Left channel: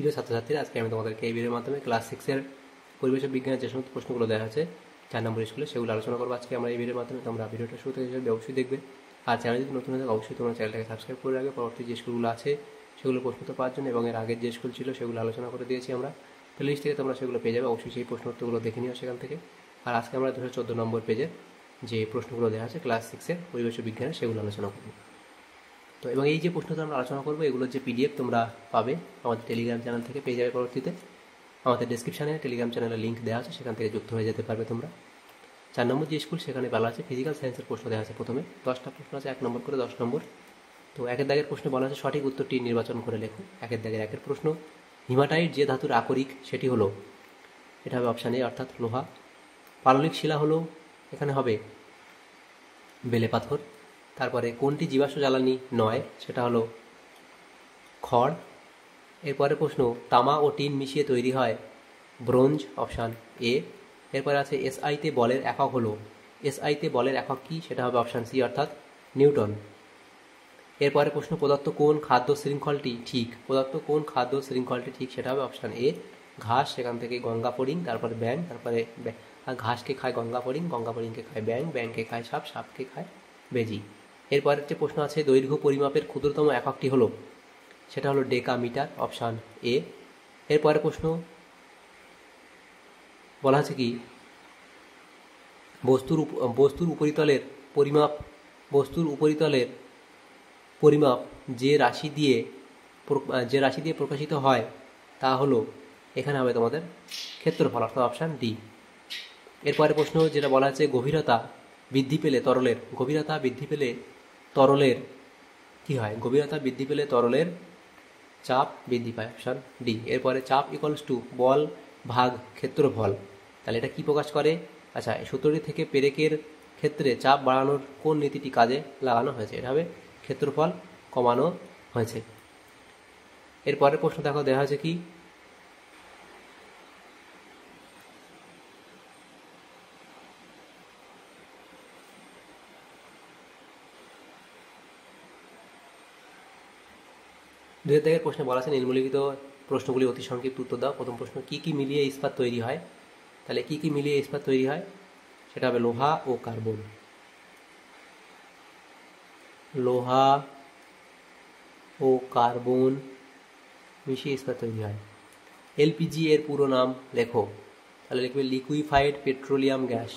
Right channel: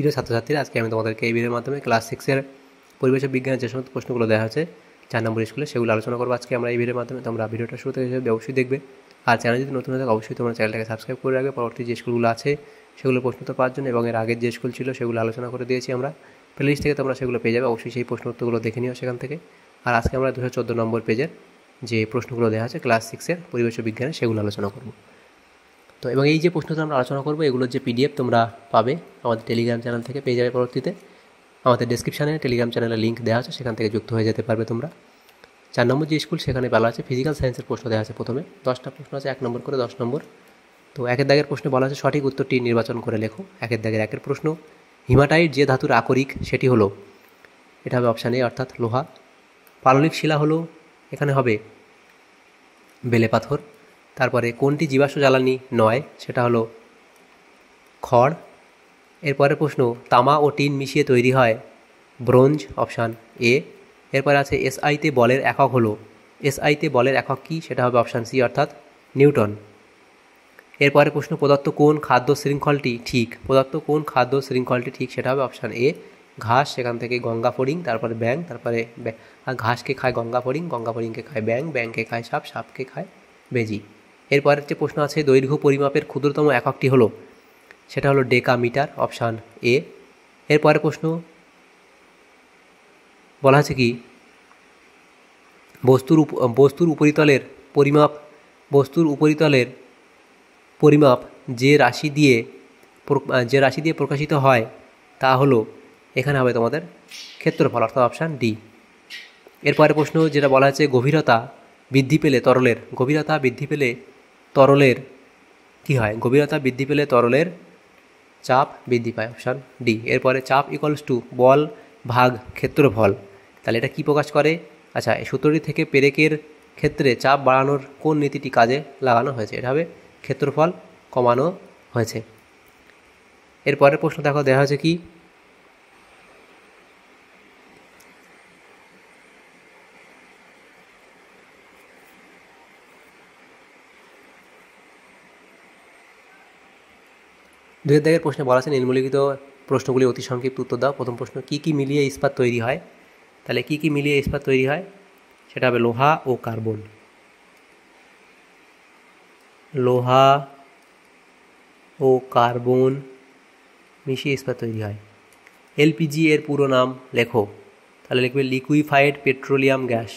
প্রিয় ছাত্রছাত্রীরা, আজকে আমি তোমাদেরকে এই ভিডিওর মাধ্যমে ক্লাস 6-এর পরিবেশ বিজ্ঞানের যে সমস্ত প্রশ্নগুলো দেওয়া হয়েছে 4 নম্বর স্কুলে, সেগুলো আলোচনা করবো আজকে আমরা এই ভিডিওর মাধ্যমে। তোমরা ভিডিওটা শুরু থেকে অবশ্যই দেখবে, আর চ্যানেল যদি নতুন হয়ে থাকে অবশ্যই তোমরা চ্যানেলটাকে সাবস্ক্রাইব করে রাখবে। পরবর্তী যে স্কুলগুলো আছে সেগুলো প্রশ্নোত্তর পাওয়ার জন্য, এবং এর আগের যে স্কুল ছিল সেগুলো আলোচনা করে দিয়েছি আমরা, প্লেলিস্ট থেকে তোমরা সেগুলো পেয়ে যাবে। অবশ্যই সেই প্রশ্নোত্তরগুলো দেখে নিও সেখান থেকে। আর আজকে আমরা 214 নম্বর পেজের যে প্রশ্নগুলো দেওয়া আছে ক্লাস 6-এর পরিবেশ বিজ্ঞানে সেগুলো আলোচনা করবো। তো এবং এই যে প্রশ্নটা আমরা আলোচনা করবো এগুলোর যে পিডিএফ তোমরা পাবে আমাদের টেলিগ্রাম চ্যানেল থেকে পেয়ে যাবে। পরবর্তীতে আমাদের ডেসক্রিপশানে টেলিগ্রাম চ্যানেলের লিঙ্ক দেওয়া আছে, সেখান থেকে যুক্ত হয়ে যেতে পারবে তোমরা। 4 নম্বর যে স্কুল সেখানে বলা আছে ফিজিক্যাল সায়েন্সের প্রশ্ন দেওয়া আছে। প্রথমে 10টা প্রশ্ন আছে, 1 নম্বর করে 10 নম্বর। তো একের দাগের প্রশ্নে বলা আছে সঠিক উত্তরটি নির্বাচন করে লেখো। একের দাগের একের প্রশ্ন, হিমাটাইট যে ধাতুর আকরিক সেটি হলো, এটা হবে অপশান এ অর্থাৎ লোহা। পাললিক শিলা হলো, এখানে হবে বেলে পাথর। তারপরে কোনটি জীবাশ্ম জ্বালানি নয়, সেটা হলো খড়। এরপরে প্রশ্ন, তামা ও টিন মিশিয়ে তৈরি হয় ব্রোঞ্জ, অপশান এ। এরপরে আছে এসআইতে বলের একক হলো, এসআইতে বলের একক কী, সেটা হবে অপশান সি অর্থাৎ নিউটন। এরপরে প্রশ্ন, প্রদত্ত কোন খাদ্য শৃঙ্খলটি ঠিক, প্রদত্ত কোন খাদ্য শৃঙ্খলটি ঠিক, সেটা হবে অপশান এ ঘাস, সেখান থেকে গঙ্গা ফড়িং, তারপরে ব্যাং, তারপরে ঘাসকে খায় গঙ্গা ফড়িং, গঙ্গা ফড়িংকে খায় ব্যাং, ব্যাংকে খায় সাপ, সাপকে খায় বেজি। এরপরের যে প্রশ্ন আছে দৈর্ঘ্য পরিমাপের ক্ষুদ্রতম এককটি হলো, সেটা হলো ডেকামিটার, অপশান এ। এরপরে প্রশ্ন বলা আছে কি বস্তুর উপরিতলের পরিমাপ, বস্তুর উপরিতলের পরিমাপ যে রাশি দিয়ে প্রকাশিত হয় তা হলো, এখানে হবে তোমাদের ক্ষেত্রফল অর্থাৎ অপশান ডি। এরপরে প্রশ্ন যেটা বলা আছে গভীরতা বৃদ্ধি পেলে তরলের, গভীরতা বৃদ্ধি পেলে তরলের কী হয়, গভীরতা বৃদ্ধি পেলে তরলের চাপ বৃদ্ধি পায়, অপশান ডি। এরপরে চাপ ইকুয়ালস টু বল ভাগ ক্ষেত্রফল, তাহলে এটা কি প্রকাশ করে? আচ্ছা, এই সূত্রটি থেকে পেরেকের ক্ষেত্রে চাপ বাড়ানোর কোন নীতিটি কাজে লাগানো হয়েছে, এটা হবে ক্ষেত্রফল কমানো হয়েছে। এরপরের প্রশ্ন দেখো দেওয়া হয়েছে কি দুয়ের দাগের প্রশ্নে বলা আছে নিম্নলিখিত প্রশ্নগুলি অতি সংক্ষিপ্ত উত্তর দাও। প্রথম প্রশ্ন, কি কি মিলিয়ে ইস্পাত তৈরি হয়, তাহলে কি কি মিলিয়ে ইস্পাত তৈরি হয়, সেটা হবে লোহা ও কার্বন, লোহা ও কার্বন মিশিয়ে ইস্পাত তৈরি হয়। এলপিজি এর পুরো নাম লেখো, তাহলে লিখবে liquefied petroleum gas,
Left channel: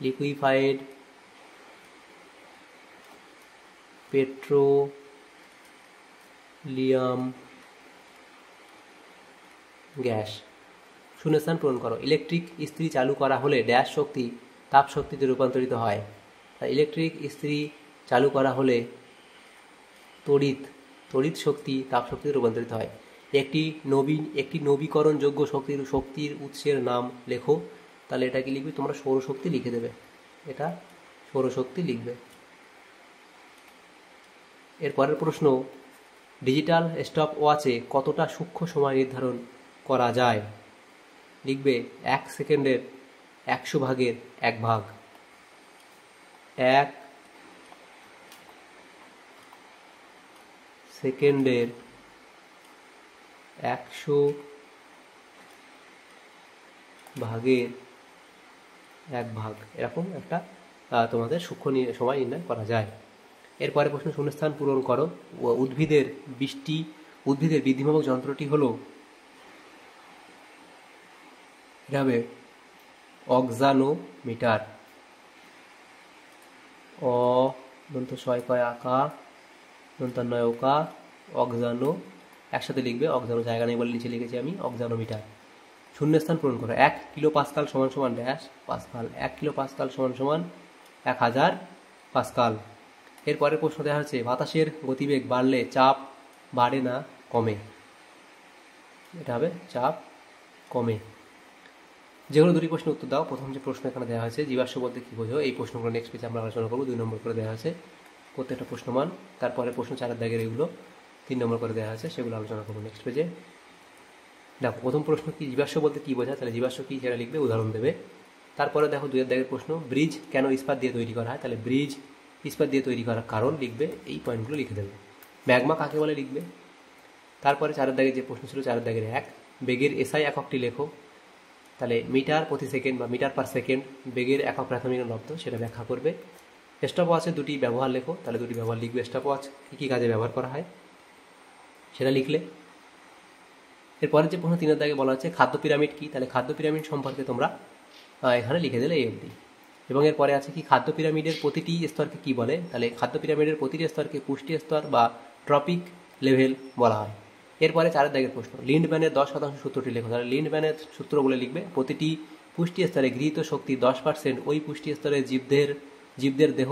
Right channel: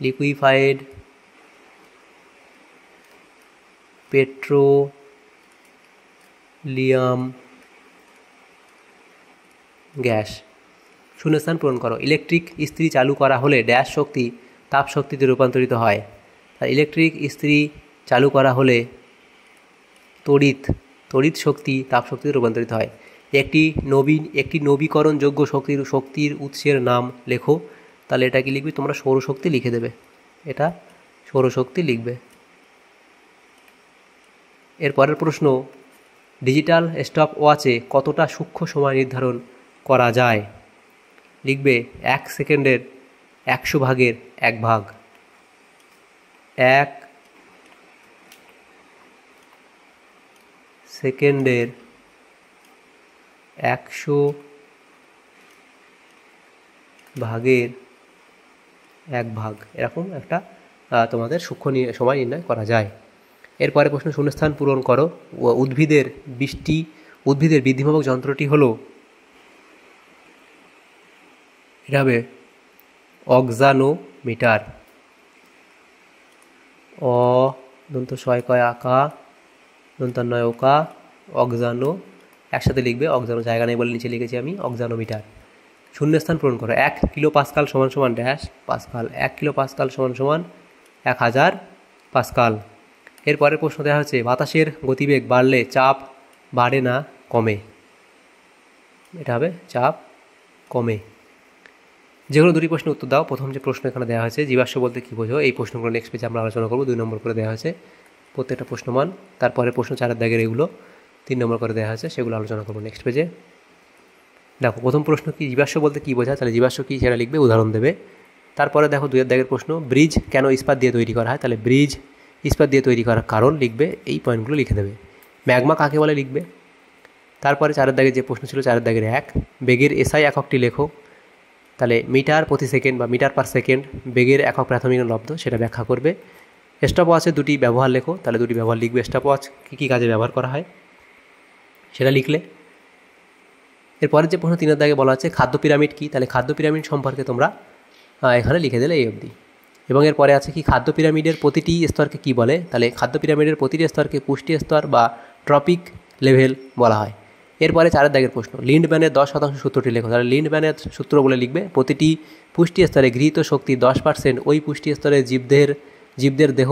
liquefied petroleum gas. শূন্যস্থান পূরণ করো। ইলেকট্রিক ইস্ত্রি চালু করা হলে ড্যাশ শক্তি তাপ শক্তিতে রূপান্তরিত হয়, আর ইলেকট্রিক ইস্ত্রি চালু করা হলে তড়িৎ শক্তি তাপ শক্তিতে রূপান্তরিত হয়। একটি নবীকরণযোগ্য শক্তির উৎসের নাম লেখো, তাহলে এটা কি লিখবে তোমরা সৌরশক্তি লিখে দেবে, এটা সৌরশক্তি লিখবে। এরপরের প্রশ্ন, ডিজিটাল স্টপ ওয়াচে কতটা সূক্ষ্ম সময় নির্ধারণ করা যায়, লিখবে 1 সেকেন্ডের 100 ভাগের 1 ভাগ, 1 সেকেন্ডের 100 ভাগের 1 ভাগ, এরকম একটা তোমাদের সূক্ষ্ম সময় নির্ণয় করা যায়। এরপরে প্রশ্ন, শূন্যস্থান পূরণ করো। উদ্ভিদের বৃদ্ধিমাপক যন্ত্রটি হলো, এটা হবে অক্সানোমিটার, দন্ত ছয় কয় আকা, দন্তান্নয় ওকা, অক্সানো, একসাথে লিখবে, অক্সানো জায়গা নেই বলে নিচে লিখেছি আমি, অক্সানোমিটার। শূন্যস্থান পূরণ করো। 1 কিলো পাস্কাল সমান সমান ড্যাশ পাস্কাল, 1 কিলো পাস্কাল সমান সমান 1000 পাস্কাল। এরপরের প্রশ্ন দেওয়া হচ্ছে বাতাসের গতিবেগ বাড়লে চাপ বাড়ে না কমে, এটা হবে চাপ কমে। যেগুলো দুটি প্রশ্ন উত্তর দাও। প্রথম যে প্রশ্ন এখানে দেওয়া হয়েছে জীবাশ্ম বলতে কী বোঝো, এই প্রশ্নগুলো নেক্সট পেজে আমরা আলোচনা করবো। 2 নম্বর করে দেওয়া হয়েছে প্রত্যেকটা প্রশ্নমান। তারপরে প্রশ্ন 4 দাগের এগুলো 3 নম্বর করে দেওয়া হয়েছে, সেগুলো আলোচনা করবো নেক্সট পেজে। দেখো প্রথম প্রশ্ন কি জীবাশ্ম বলতে কী বোঝা, তাহলে জীবাশ্ম কী সেটা লিখবে, উদাহরণ দেবে। তারপরে দেখো 2 দাগের প্রশ্ন, ব্রিজ কেন ইস্পাত দিয়ে তৈরি করা হয়? তাহলে ব্রিজ ইস্পাত দিয়ে তৈরি করার কারণ লিখবে, এই পয়েন্টগুলো লিখে দেবে। ম্যাগমা কাকে বলে লিখবে। তারপরে 4 দাগের যে প্রশ্ন ছিল 4 দাগের 1, বেগের এসআই এককটি লেখো। তাহলে মিটার প্রতি সেকেন্ড বা মিটার পার সেকেন্ড বেগের একক প্রাথমিক লব্ধ, সেটা ব্যাখ্যা করবে। স্টপওয়াচের 2টি ব্যবহার লেখো, তাহলে 2টি ব্যবহার লিখবে। স্টপওয়াচ কী কী কাজে ব্যবহার করা হয় সেটা লিখলে। এরপরের যে প্রশ্ন 3 দাগে বলা আছে খাদ্য পিরামিড কী, তাহলে খাদ্য পিরামিড সম্পর্কে তোমরা এখানে লিখে দিলে এই অবধি। এবং এরপরে আছে কি খাদ্য পিরামিডের প্রতিটি স্তরকে কী বলে, তাহলে খাদ্য পিরামিডের প্রতিটি স্তরকে পুষ্টি স্তর বা ট্রপিক লেভেল বলা হয়। এরপরে 4 দাগের প্রশ্ন, লিন্ডম্যানের 10% সূত্রটি লেখো। তাহলে লিন্ডম্যানের সূত্র বলে লিখবে, প্রতিটি পুষ্টি স্তরে গৃহীত শক্তি 10% ওই পুষ্টি স্তরে জীবদের দেহ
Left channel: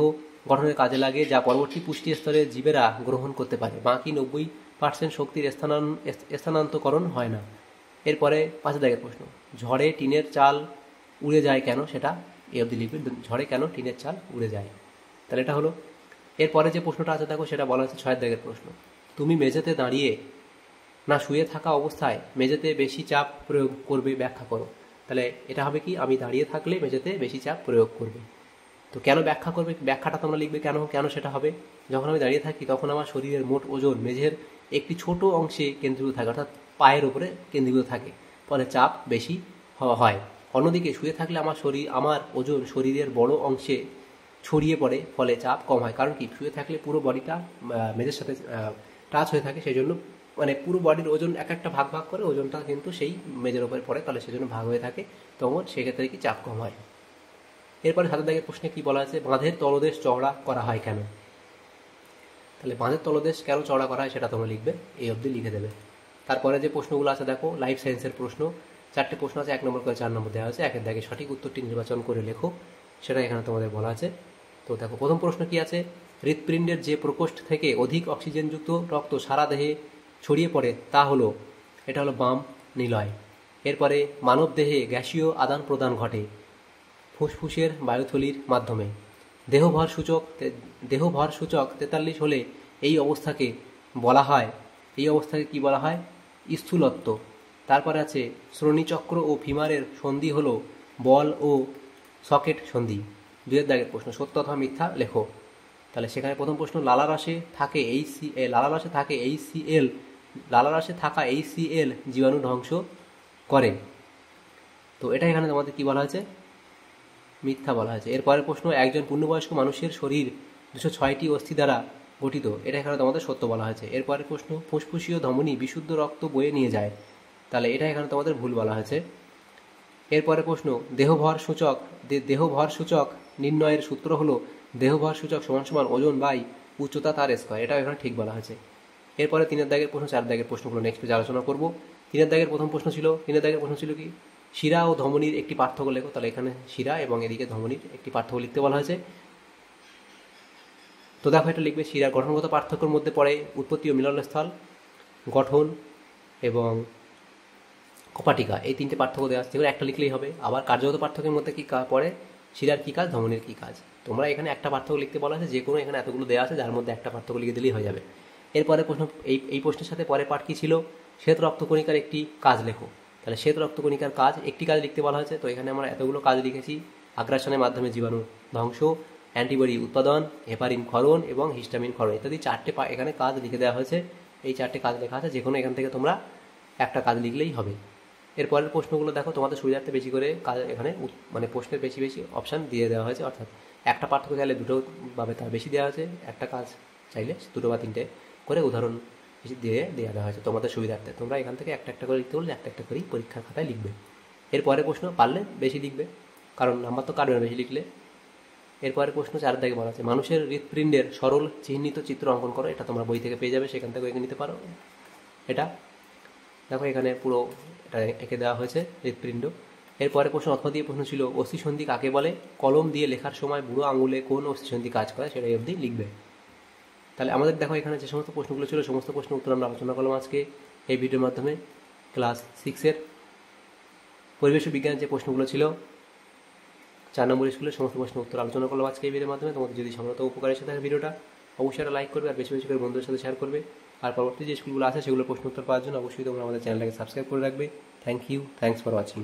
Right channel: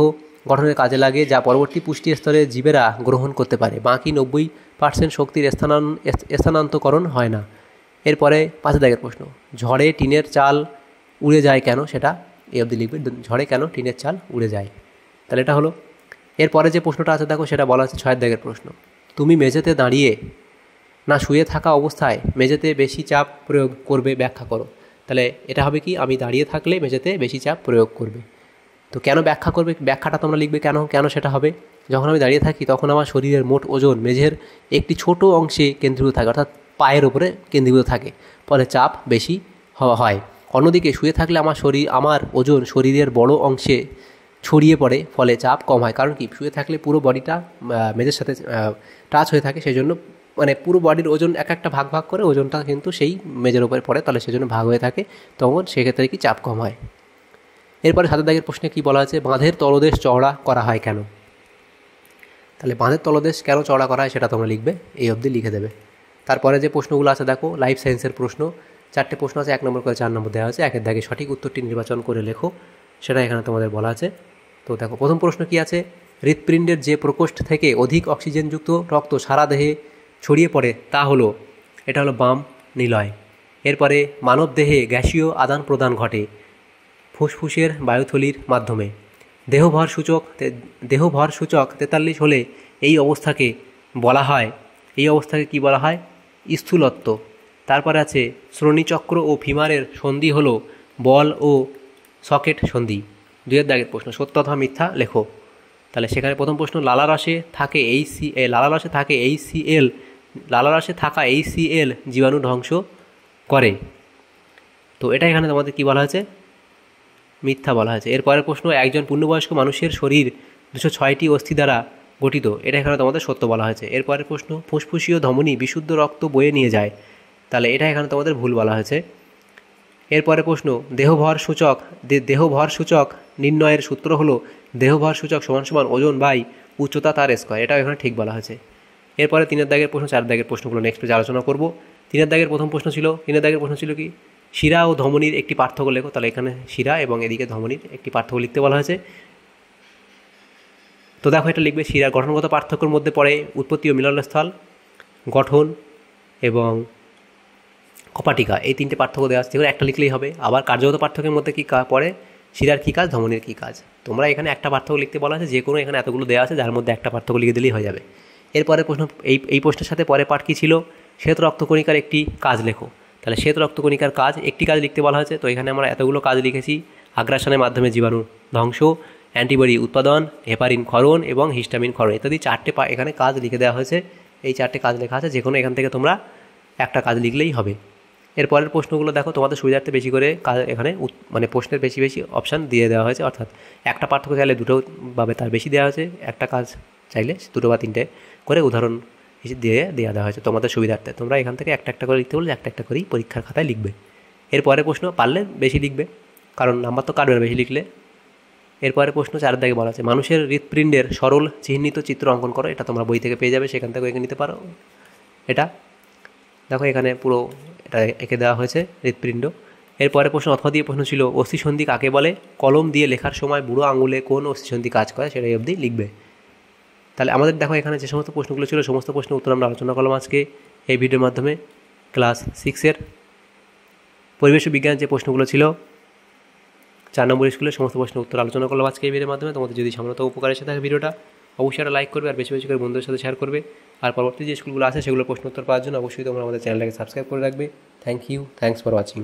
গঠনের কাজে লাগে, যা পরবর্তী পুষ্টি স্তরে জীবেরা গ্রহণ করতে পারে। বাকি 90% শক্তির স্থানান্তকরণ হয় না। এরপরে 5 দাগের প্রশ্ন, ঝড়ে টিনের চাল উড়ে যায় কেন, সেটা এই অবধি লিখবে। ঝড়ে কেন টিনের চাল উড়ে যায়, তাহলে এটা হলো। এরপরে যে প্রশ্নটা আছে দেখো, সেটা বলা আছে 6 দাগের প্রশ্ন, তুমি মেঝেতে দাঁড়িয়ে না শুয়ে থাকা অবস্থায় মেঝেতে বেশি চাপ প্রয়োগ করবে, ব্যাখ্যা করো। তাহলে এটা হবে কি, আমি দাঁড়িয়ে থাকলে মেঝেতে বেশি চাপ প্রয়োগ করবে। তো কেন ব্যাখ্যা করবে, ব্যাখ্যাটা তোমরা লিখবে কেন সেটা হবে। যখন আমি দাঁড়িয়ে থাকি তখন আমার শরীরের মোট ওজন মেঝের একটি ছোট অংশে কেন্দ্রীভূত থাকে, অর্থাৎ পায়ের উপরে কেন্দ্রীভূত থাকে, ফলে চাপ বেশি হয়। অন্যদিকে শুয়ে থাকলে আমার ওজন শরীরের বড় অংশে ছড়িয়ে পড়ে, ফলে চাপ কম হয়। কারণ কি, শুয়ে থাকলে পুরো বডিটা মেঝের সাথে টাচ হয়ে থাকে, সেই জন্য মানে পুরো বডির ওজন একটা ভাগ করে ওজনটা কিন্তু সেই মেঝের উপরে পড়ে, তাহলে সেজন্য ভাগ হয়ে থাকে, তখন সেক্ষেত্রে কি চাপ কম হয়। এরপরে 7 দাগের প্রশ্নে কী বলা আছে, বাঁধের তলদেশ চওড়া করা হয় কেন। তাহলে বাঁধের তলদেশ কেন চওড়া করা হয় সেটা তোমরা লিখবে, এই অবধি লিখে দেবে। তারপরে যে প্রশ্নগুলো আছে দেখো, লাইফ সায়েন্সের প্রশ্ন 4টে প্রশ্ন আছে, 1 নম্বর করে 4 নম্বর দেওয়া আছে। 1 দাগে সঠিক উত্তরটি নির্বাচন করে লেখো, সেটা এখানে তোমাদের বলা আছে। তো দেখো প্রথম প্রশ্ন কি আছে, হৃৎপিণ্ডের যে প্রকোষ্ঠ থেকে অধিক অক্সিজেনযুক্ত রক্ত সারা দেহে ছড়িয়ে পড়ে তা হলো, এটা হলো বাম নিলয়। এরপরে মানব দেহে গ্যাসীয় আদান প্রদান ঘটে ফুসফুসের বায়ুথলির মাধ্যমে। দেহভর সূচক 43 হলে এই অবস্থাকে কি বলা হয়, স্থূলত্ব। তারপরে আছে শ্রোণীচক্র ও ফিমারের সন্ধি হলো বল ও সকেট সন্ধি। 2 দাগের প্রশ্ন, সত্য অথবা মিথ্যা লেখো। তাহলে সেখানে প্রথম প্রশ্ন, লালারসে থাকা HCl জীবাণু ধ্বংস করে, তো এটা এখানে তোমাদের কি বলা হয়েছে, মিথ্যা বলা হয়েছে। এরপরের প্রশ্ন, একজন পূর্ণবয়স্ক মানুষের শরীর 206টি অস্থি দ্বারা গঠিত, এটা এখানে তোমাদের সত্য বলা হয়েছে। এরপরের প্রশ্ন, ফুসফুসীয় ধমনী বিশুদ্ধ রক্ত বয়ে নিয়ে যায়, তাহলে এটা এখানে তোমাদের ভুল বলা হয়েছে। এরপরে প্রশ্ন, দেহভর সূচক নির্ণয়ের সূত্র হলো দেহভর সূচক সমান ওজন বাই উচ্চতা তার স্কয়ার, এটাও এখানে ঠিক বলা হয়েছে। এরপরে 3 দাগের প্রশ্ন 4 দাগের প্রশ্নগুলো নেক্সট পেজে আলোচনা করব। 3 দাগের প্রথম প্রশ্ন ছিল 3 দাগের প্রশ্ন ছিল কি, শিরা ও ধমনীর একটি পার্থক্য লেখো। তাহলে এখানে শিরা এবং এদিকে ধমনীর একটি পার্থক্য লিখতে বলা হয়েছে। তো দেখো এটা লিখবে, শিরার গঠনগত পার্থক্যের মধ্যে পড়ে উৎপত্তি ও মিলনস্থল, গঠন এবং কপাটিকা, এই 3টে পার্থক্য দেওয়া আছে, যেগুলো একটা লিখলেই হবে। আবার কার্যগত পার্থক্যের মধ্যে কী পড়ে, শিরার কী কাজ, ধমনীর কী কাজ। তোমরা এখানে একটা পার্থক্য লিখতে বলা আছে, যে কোনো এখানে এতগুলো দেওয়া আছে, যার মধ্যে একটা পার্থক্য লিখে দিলেই হয়ে যাবে। এরপরে প্রশ্ন, এই প্রশ্নের সাথে পরে পাঠ কী ছিল, শ্বেত রক্তকণিকার একটি কাজ লেখো। তাহলে শ্বেত রক্তকণিকার কাজ, একটি কাজ লিখতে বলা হয়েছে। তো এখানে আমরা এতগুলো কাজ লিখেছি, আগ্রাসনের মাধ্যমে জীবাণু ধ্বংস, অ্যান্টিবডি উৎপাদন, হেপারিন ক্ষরণ এবং হিস্টামিন ক্ষরণ ইত্যাদি 4টে এখানে কাজ লিখে দেওয়া হয়েছে। এই 4টে কাজ লেখা আছে, যে কোনো এখান থেকে তোমরা একটা কাজ লিখলেই হবে। এরপরের প্রশ্নগুলো দেখো, তোমাদের সুবিধার্থে বেশি করে কাজ এখানে মানে প্রশ্নের বেশি অপশান দিয়ে দেওয়া হয়েছে, অর্থাৎ একটা পার্থক্য চাইলে 2টো ভাবে তার বেশি দেওয়া হয়েছে, একটা কাজ চাইলে 2টো বা 3টে করে উদাহরণ দেওয়া হয়েছে তোমাদের সুবিধার্থে। তোমরা এখান থেকে একটা করে লিখতে বললে একটা করেই পরীক্ষার খাতায় লিখবে। এরপরের প্রশ্ন পারলে বেশি লিখবে, কারণ নাম্বার তো কাটবে না বেশি লিখলে। এরপরের প্রশ্ন 4 দাগে বলা আছে, মানুষের হৃৎপিণ্ডের সরল চিহ্নিত চিত্র অঙ্কন করো। এটা তোমরা বই থেকে পেয়ে যাবে, সেখান থেকে এঁকে নিতে পারো। এটা দেখো এখানে পুরো এটা এঁকে দেওয়া হয়েছে হৃৎপিণ্ড। এরপরে প্রশ্ন অথবা দিয়ে প্রশ্ন ছিল, অস্থিসন্ধি কাকে বলে, কলম দিয়ে লেখার সময় বুড়ো আঙুলে কোন অস্থিসন্ধি কাজ করে, সেটাই অবধি লিখবে। তাহলে আমাদের দেখো এখানে যে সমস্ত প্রশ্নগুলো ছিল, সমস্ত প্রশ্নের উত্তর আমরা আলোচনা করলাম আজকে এই ভিডিওর মাধ্যমে। ক্লাস 6-এর পরিবেশ বিজ্ঞান যে প্রশ্নগুলো ছিল 4 নম্বর স্কুলের সমস্ত প্রশ্নের উত্তর আলোচনা করলাম আজকে এই ভিডিওর মাধ্যমে। তোমাদের যদি সামনে উপকার এসে থাকে ভিডিওটা, অবশ্যই একটা লাইক করবে আর বেশি করে বন্ধুদের সাথে শেয়ার করবে। আর পরবর্তী যে স্কুলগুলো আছে সেগুলোর প্রশ্ন উত্তর পাওয়ার জন্য অবশ্যই তোমরা আমাদের চ্যানেলটাকে সাবস্ক্রাইব করে রাখবে। Thanks for watching.